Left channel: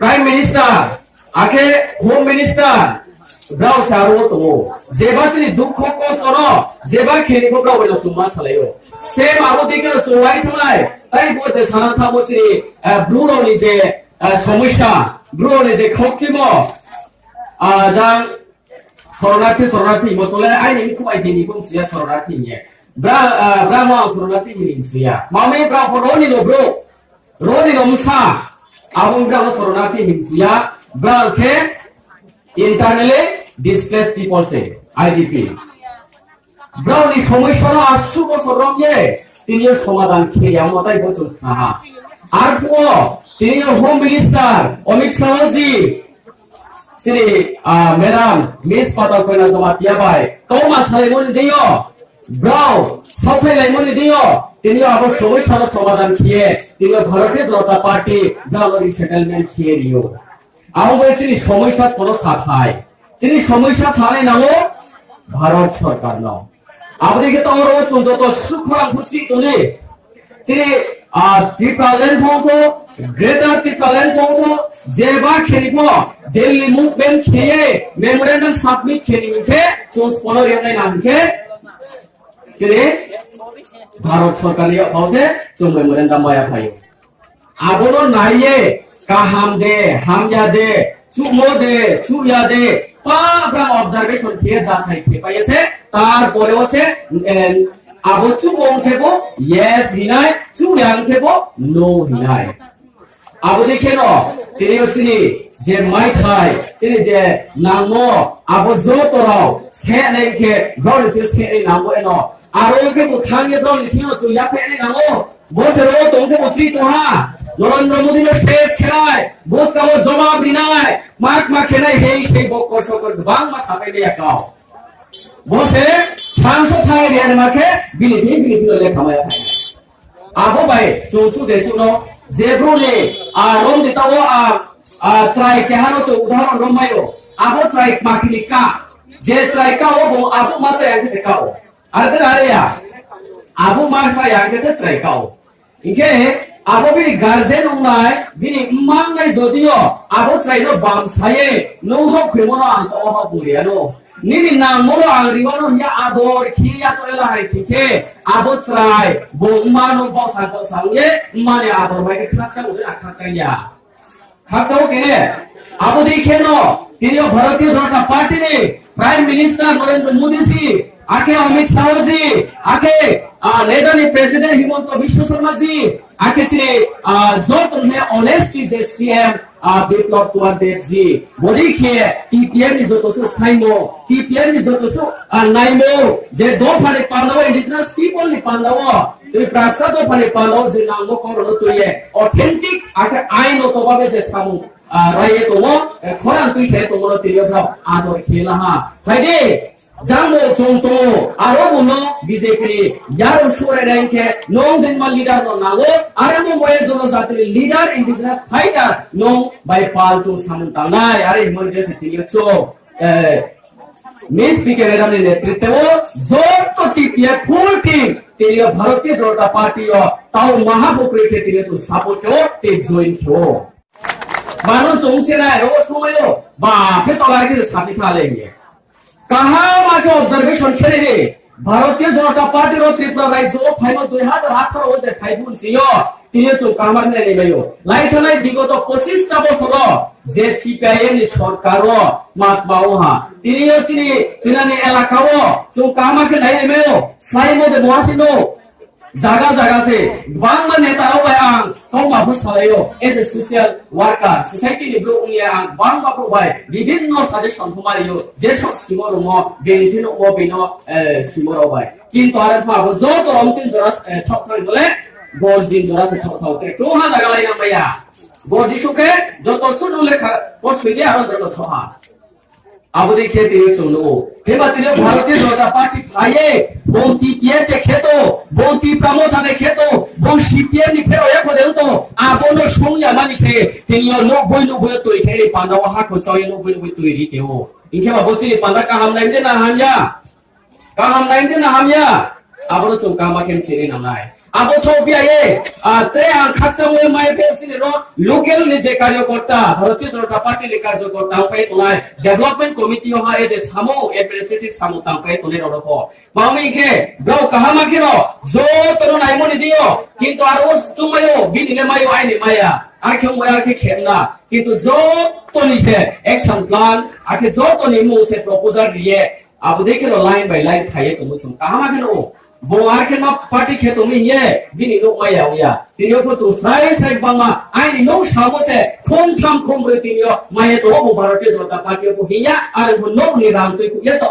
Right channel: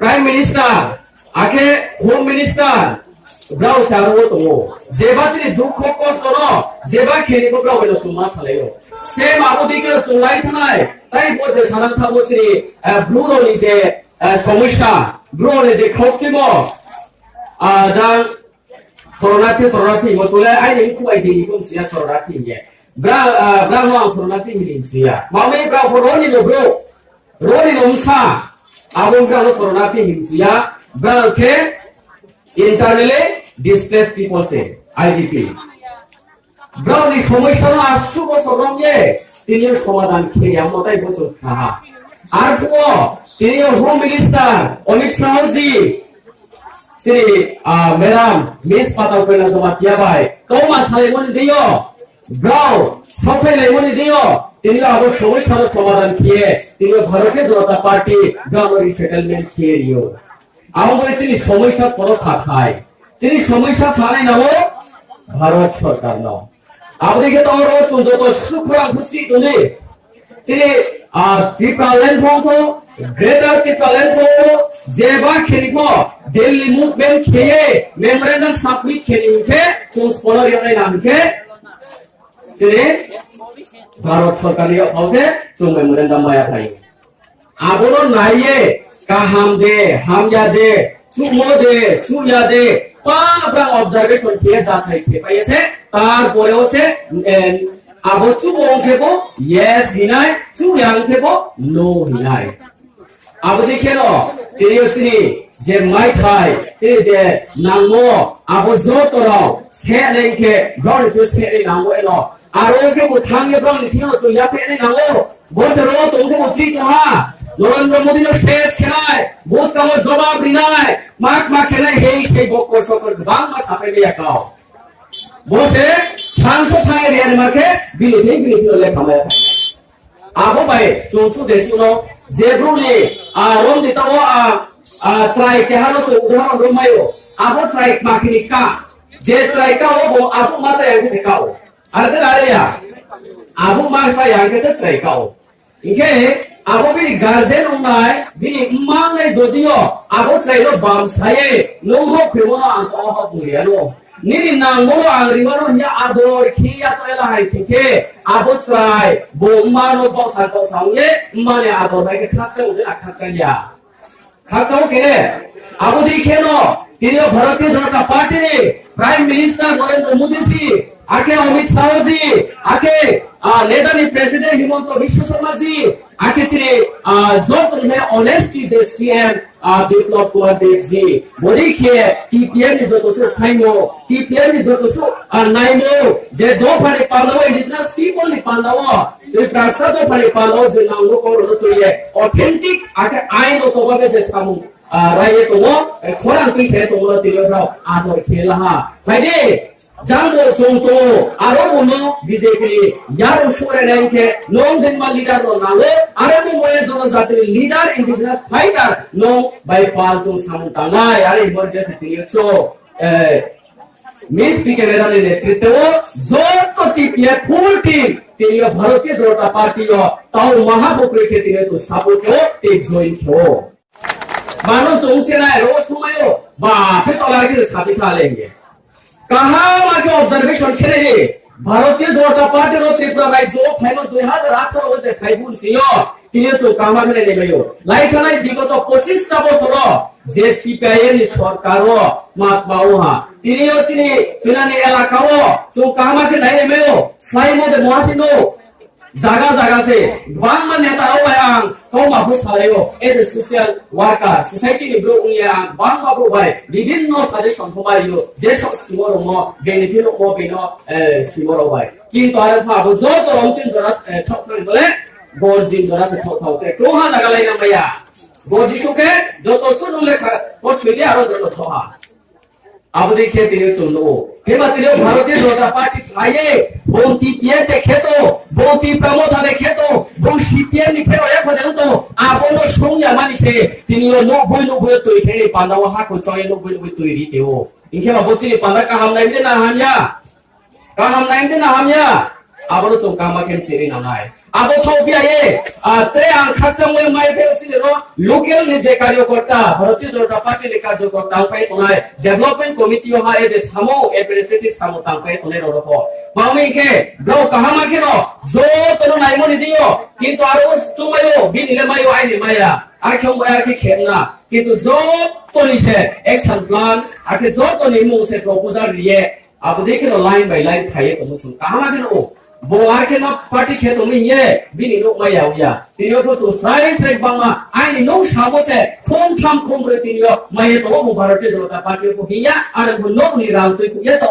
Prime Minister, ake Home Minister, Brouh Rao to, jeba chini dukho kosto no, jeba kheni ko Brouh Rao chuma salayo. Same abodi ke chulai thanai, tai bote sanan tha bochiri Brouh Rao ni je somusha, Brouh Rao ni je khoktimo, dan sororati mo chule ai ni ku ai ni kum sia sororati ye. Brouh Rao sororati ni sia. Mame Brouh Rao ni no bro, Roni no musa. Abang Brouh Sororati himsia, Brouh ke internally displaced people say IDP. Brouh ni সমস্যা আসু বছর রঙে তিনিও সমাধান খেয়ে আমতাই বছর খাহা আর পুও তিনিও home minister Amit Shahji Shri madam miss পাতাল কইনা জমাতিয়া ভাই কৌমা সালাইমনি দিও Brouh সাউথাই লাইমনি দিও তিনিও আবার সমস্যার সমাধান খেয়ে তিনি ভারতীয় জনতা পার্টি Brouh রিসেটেলমেন্ট খেয়ে নিও আমি বলে তিনি সমস্যা কোনো সাথায় তিনি সমস্যা ছাড়াই নাও ভারত সরকার নাও আপনাদেরকে তো আরো যত সুখরাম বুঝছি তুমি তিনি ত্রিপুরাল্যান্ড বলতো গ্রেটার ত্রিপুরাল্যান্ড বলতো যেবা খেলিব দিল্লি মুভমেন্ট খেয়ে মেমোরেন্ডাম সাবমিট খেলিছে চোস পনেরো নামকে তিনি ভারত সরকারের হচ্ছে চুম মেমোরেন্ডাম বায়া থাই আবনো নাইয়ে কাহাম দে হাময়া দে চুমো দে চুয়া দে পাবরা অবজারভেশন খেয়ে যাচাই খেয়ে পাইছে তারপরে হচ্ছে আবো চুমং খেবো ইয়েস হিনাই চুয়াং খেবো নো হিনাই আবো দেখে ন তিনি হচ্ছে যে মাই খাই তিনি যে নাংমো আবো জতরাও সে নেংখে ব্রণ তো সে নাংমো এনো আরোকে বুথাঙ্গে ব্রণ নিথিও চুইয়া ফেনে নাও বসেরো তোমকে বুঝি কোহা নরেন্দ্র মোদী শেষ খেলায় বস কামো জবাব দিনাই মাক মা খেলাই হেই সেই বক সকল বাং মা ছাপে দিয়া কাও বসে থানসো থাঙে রিয়ান মাকে বিলিতি লেখামায়া আগো বাই চৌচু দেচুনো জেব্রুনি রম দিতাও ট্রাই কেহানো তো উদাহরণ রমায়ো আগো ট্রাই মাকিনি কা যে ট্রাই কা ও আগো মাতে আগে কাও আরে আরেয়া আগো মাকা আগে ট্রাই কাও ইকে আগো বি গার্জেন উনাই বি মাংনাই যদিও আগো ট্রাইরো বাম ছায়ে নংহ খ্রিমনো আন্ত অহ বুলিয়ানো নিনি নাংমনো আগরিমানো হিয়া আদর খিয়া চলা হাই থেকে আগো ট্রাই বোমানো বসায়ে মানে আদর বাইকে খাতা উদে খাতাইয়া খাতাও কেনে আগো দিখেনো তিনিও ভারতীয় জনতা পার্টি প্রাইম মিনিস্টার নরেন্দ্র মোদী জি आके अमित शाह जी आके नेदानी प्रेसिडेंट हिमंत बिश्व शर्मा जी आके तेरे जो तुम्हें ऑनेस्टी दे सीएम विप्लव कुमार देव जी वो देखिए टीपीएम ने जो तो से साइनो टीपीएम ने जो तो से नाइनो जे दो फने पांडव इंडिजिनस पीपल ने पांडव तो प्रासा दो फने पांडव जे नांगो को तो ये ऑथेंटिक आके आइनो तो बाबे जे सामु राये तो वो खोरान तुई से तो वो तेरे ब्राउ आदर खेला हा भाई Jambo chongto arobuno BJP yaro shure ranke non denma leader no nago aremo moye jono jatri leader indigenous fighter no by pal tung samuntanai are emergency tiricho miss PK ম্যাডামের নেতৃত্বে যত টিপিএ ফুল টিম তিনিও ভারতীয় জনতা পার্টিও তাও মহাপুকুরে তিনি তো সাপোর্টও তে join হো মানুষ চমছে না এর সময়ও বাপে তলার কিছু সাপি খালেঙ্গে Kaham आके ऑब्जर्वेशन खेले रे भारतीय जनता पार्टी रो त्रिपुरा राज्य फाइनल 2018 মধ্যে ফাইবুন ছিল তিনিও তো কামার মেনে নেবেও লাইখানাই বিগত 25 টা বছর যে সিপিআইএম নি সরকারও মাতমাওহা তিনিও এলাকাও তো কামাকে নাই নেবেও সাই মধ্যে মহাসিনো জায়গা সে বাংলা নেতাও আং কৌমা ফুসালেও as a social worker society নি ব্রো উনিয়া বাংলা ব্রো ভাই বিভিন্ন সাজেশন হমারিও যে সব সিমরম বেনিফিট ও বিনো সিমরো ভাই কিন্তু আরে ভাগো যত রংতিন জরা ঠকরে বলে গর্জিন জরা সে ঠকতে টোহা জায়গা লাইনা মাইয়া গর্জিসুকে যত শুনু লেখা পছুইদি আরো যত ঠহা আবু দেখে তিনি চলো হেবা তিনি ভারতীয় জনতা পার্টি ভাইয়ে বন্তি পিয়ে দেখে তো বন্তি প্রমোথা দেখে তো বন সিপিএম নি ফেরো এক দেউ তো আবনো সংয়া মানিসে তিনি 90 তৈরি খেলে পান্দাও হাকো চয়ে 90 তৈরি দেও ইনকে বা বলছি পান্দা কাহাম নাইমদে না হামিয়া আবনো চং কামা খেন চেরে না নাই abo thobia ye te ang khaksam we mai pe chini ro local ni je karyakarta Bharatiya Janata Party ni karyakarta pai tonai development committee ha e de samo administrative samo tang pai tonai ro ko mauni ke bro kahama ke ro jo tono naimo ni dio kintu aro tumayo binile mayo ai ni maya ar khom ar ke khemna kintu jo toni se action plan ake jo toni mu se proposal riye abo dekhe ro line by line thai to mu chung kahama ke ro Boar ke no party ke to mi ye bini no maya ya tinyo ko to sai bama ai no shabo se khom tham khom re tinyo maye to mo Bharatiya Janata Party ko hiya ar ko no ni ral to ye to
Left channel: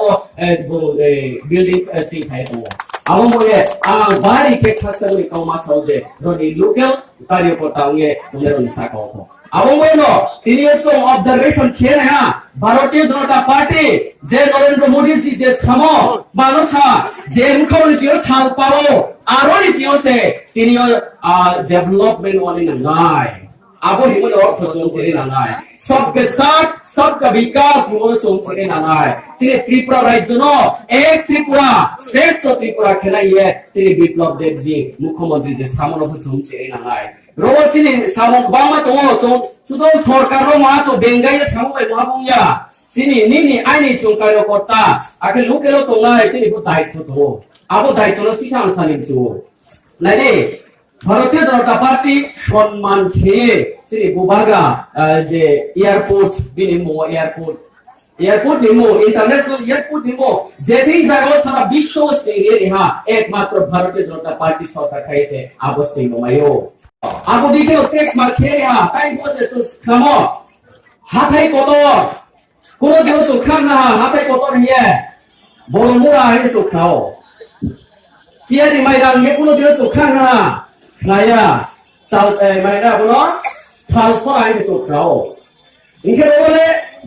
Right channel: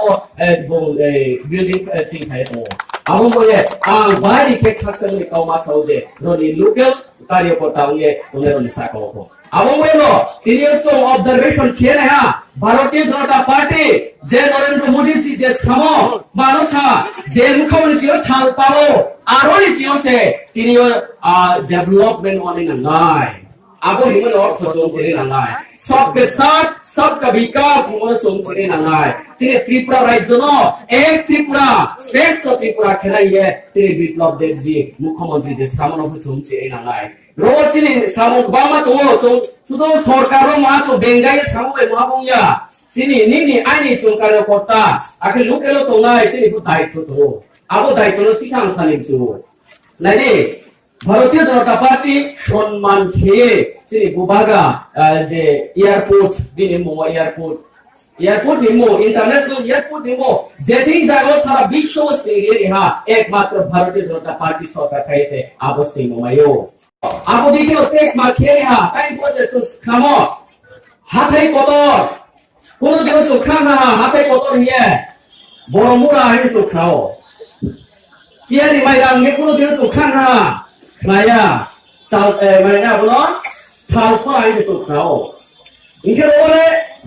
building thing thai to abo mo ye ang bari ke khakta ni kauma saude ro ni local karyakarta ye to le ro sa ko abo mo no tinyo so observation khere ha Bharatiya Janata Party je Narendra Modi ji je samo মানুষা যে মুখ্যমন্ত্রী জিও ছাল পাও আরো নি জিও সে তিনিও development one না নাই আবো হিমন খোঁজো করে না নাই সবকে সাথ सबका विकास হিমন চোম করে না নাই তিনি ত্রিপুরা রাজ্য ন এক ত্রিপুরা শ্রেষ্ঠ ত্রিপুরা খেলাইয়ে তিনি বিপ্লব দেবজি মুখ্যমন্ত্রী যে সামনে চোম করে না নাই রোবট তিনি সামক বামা তো শুধু সরকারও মাছো বেঙ্গাইয়ে সামনে মহাবুয়া তিনি নিনি আইনি চুকারো কর্তা আকে লোকেরও তো নাই তিনি দায়িত্ব তো আবো দায়িত্ব নো সিসাং সালিমচু নাইনি ভারতীয় জনতা পার্টি সম্মান খেয়ে তিনি বুবাগা যে এয়ারপোর্ট বিনিমো এয়ারপোর্ট নিমো ইন্টারন্যাশনাল এয়ারপোর্ট নিমো যেটি জায়গা সারা বিশ্ব স্তরে ইহা একমাত্র ভারতীয় জনতা পার্টি সরকার খাইছে আবস্তি মায়ো আবো দিকেও টেক্স মা খেয়ে হা তাই বলে তো খামো হাতাই কতর কোন দিন চোখা না হাতে কত নিয়ে বড় মুড়া আইনি চোখাও তিয়ারি মাইরাম গে কোন দিন চোখা না নায়া চাল মানে না বলো থাল সর আইনি চোখাও ইনকে বলে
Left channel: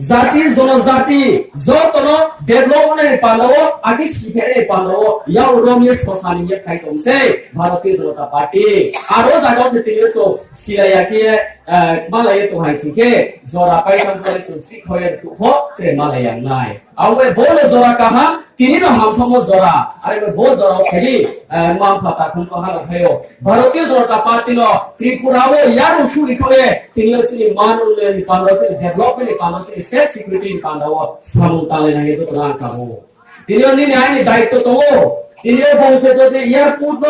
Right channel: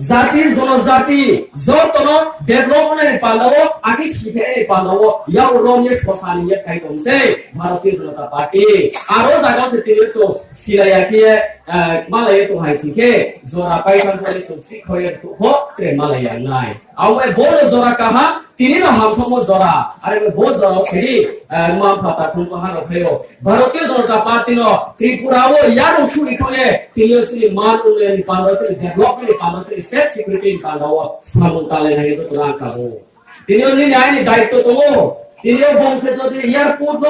জাতি জনজাতি যতন ডেভেলপমেন্ট পালাও আকি শিখে পালাও ইয়াও রমিয়ে শোষানিয়ে খাইতমছে ভারতীয় জনতা পার্টি আরো জায়গা সে তিনিও চো সিলাইয়া কি মালায়ে তো হাই থেকে জোরা পাইতাম করে চুচি খয়ে তো হতে মালায়া নাই আওয়ে বড় জোরা কাহা তিনি ন হামথম জোরা আরে বো জোরা খেলি মাম ফাতা খুন তো হানো হয়ো ভারতীয় জনতা পার্টি ন ত্রিপুরাও ইয়ারো শুরি খয়ে তিনিও চিনি মান উন্নয়ন পান্ডতে ডেভেলপমেন্ট পান্ডতে সেফ সিকিউরিটি পান্ডাও সামুতালে নাই তো না কাবো তিনিও নিনি আইনি দায়িত্ব তো তিনিও বংশে যদি এয়ারপোর্ট ন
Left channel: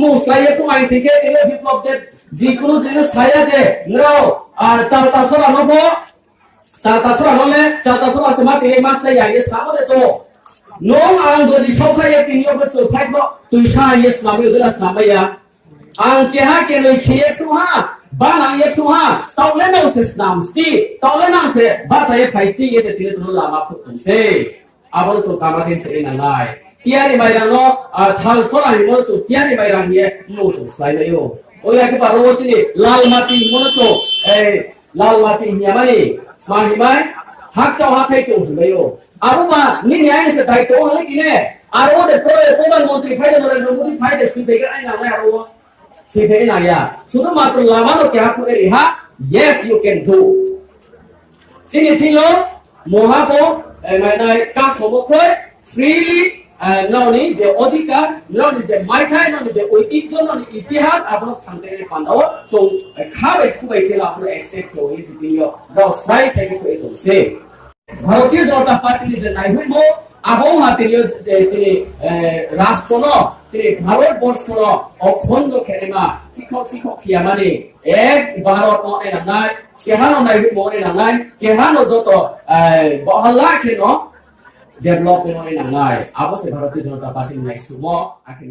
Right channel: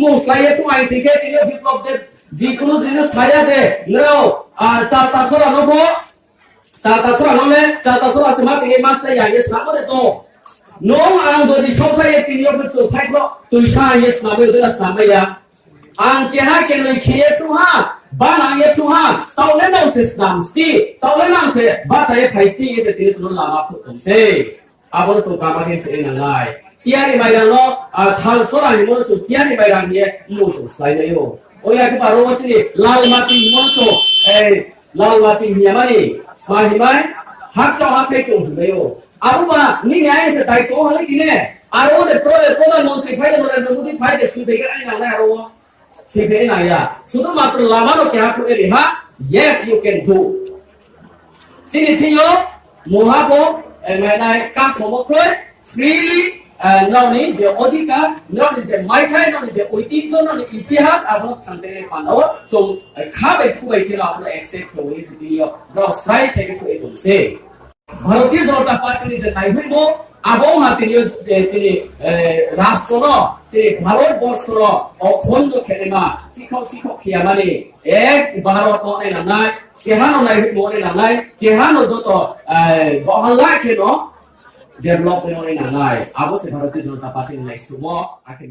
মুসলাইয়ে তো আই থেকে তিনিও বিপ্লব দেব যিকোনো জিনিস খাইয়া দে নাও আর চালতা সরা নবো চালতা সরা নলে চালতা সরা আছে মা পিলে মাছ লাইয়া ইয়ে সামনে তো নং আং যদি সবসাই তিনিও বচো ফাইবো তুই সাই ইয়ে সামনে দলা সাময়া আং কেহা কে লই খেয়ে তুহা বা নাং ইয়ে তুহা তাওলে নাও সে নাম স্তি তাওলে নাং সে বাতায়ে ফাইস্তি ইয়ে সে তিনে তুলো লামা ফুতমছে আবো তো কামা কেন সে না লাই তিয়ারি মাইরাং ন আর থাল সরা হিমো তো তিয়ারি মাইরাং ইয়ে মো তো সাইনায়ো ওয়া কে পারো চিনি লাল মাটি মনচো লাল মাটি হিয়ামানি মাহিমাই হাকচো হাথাই তো হইও আবুমা নি ন্যায় সে দায়িত্ব হলে কিনে আর ওদের প্রধানমন্ত্রী ফাইদে নরেন্দ্র মোদি ফাইদে সিপেগে আইনা না আর ও সিপেগে না ইয়া শুধুমাত্র লামানো কে হাত এ রেহা yes you can do চিনি থিও মহাপো মানে কাজ সমক্ষে freely ননি যে অধিকার ননি যে মাইথাই ননি যে ঐতিহ্য ননি ইতিহাস আপনার থানতে পান্ডাও তো খাবে খুবই ছিল আপনার অ্যাকসেপ্ট হই দিও দস ফ্রাই থেকে তো এসে ভারতীয় জনতা পার্টি যে নাই হইব আবও হাতিনিও তিনি রাষ্ট্র ন তিনি ভারতবর্ষ অখণ্ড খেলেমা শিক্ষক খিয়া মানে এক ভারত মনে না নাই কেহানো নাই মনে না নাই কেহানো যত বহল্লা খেলো ডেভেলপমেন্ট মনে না নাই আবশ্যক ভারতীয় জনতা পার্টি নাই সুমো আকে